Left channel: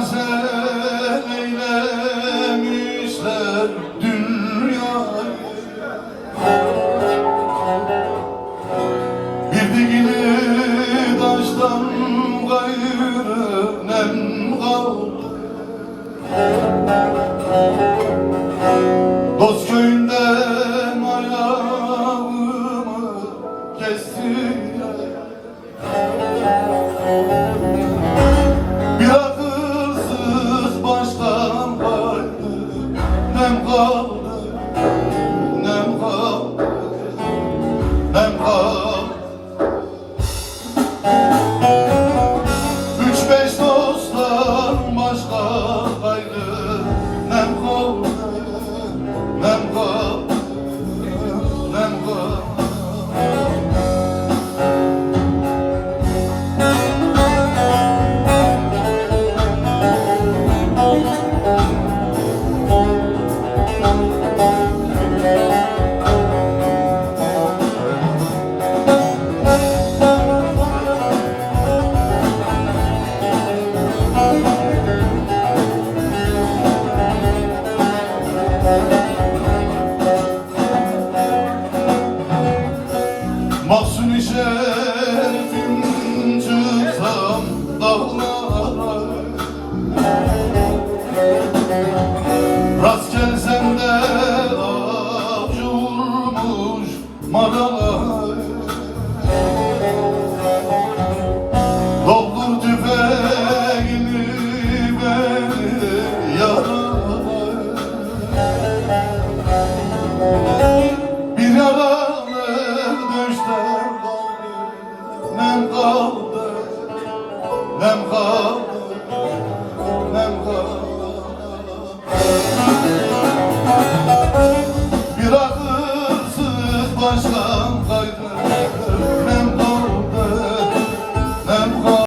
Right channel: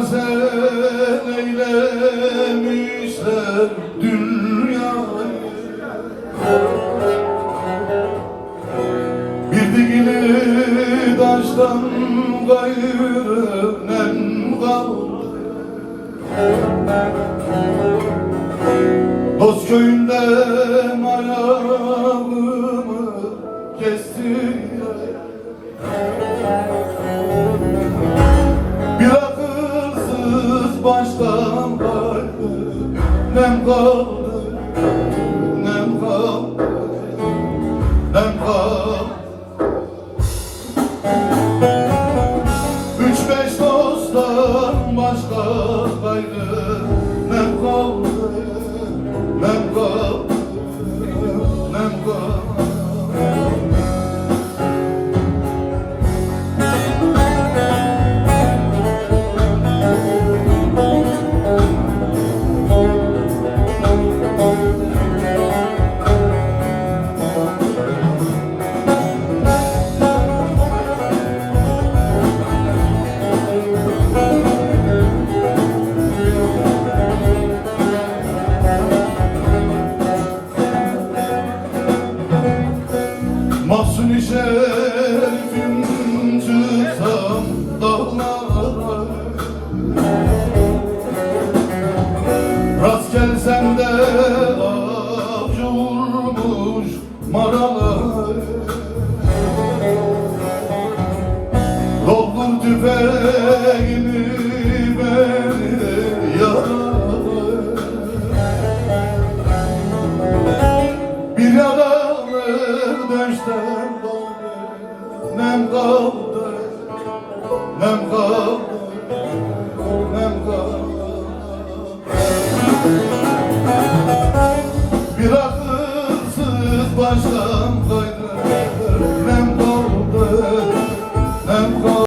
Sen eylemişler dünyayı, bir dikili taştan gayrı nem kaldı. Dost köyünden ayağımı kestiler. Bir akılsız baştan kaldı, nem kaldı, nem kaldı, nem kaldı. 3-5 dosttan başka kaydı, nem kaldı, nem kaldı, nem kaldı. Mahzun-i şerifim çıksam dağlara, rast gelsem de avcı vurmuş maralar. Doldur tüfeğini beni yaralar, bir yaralı döşten kaldı, nem kaldı, nem kaldı, nem kaldı.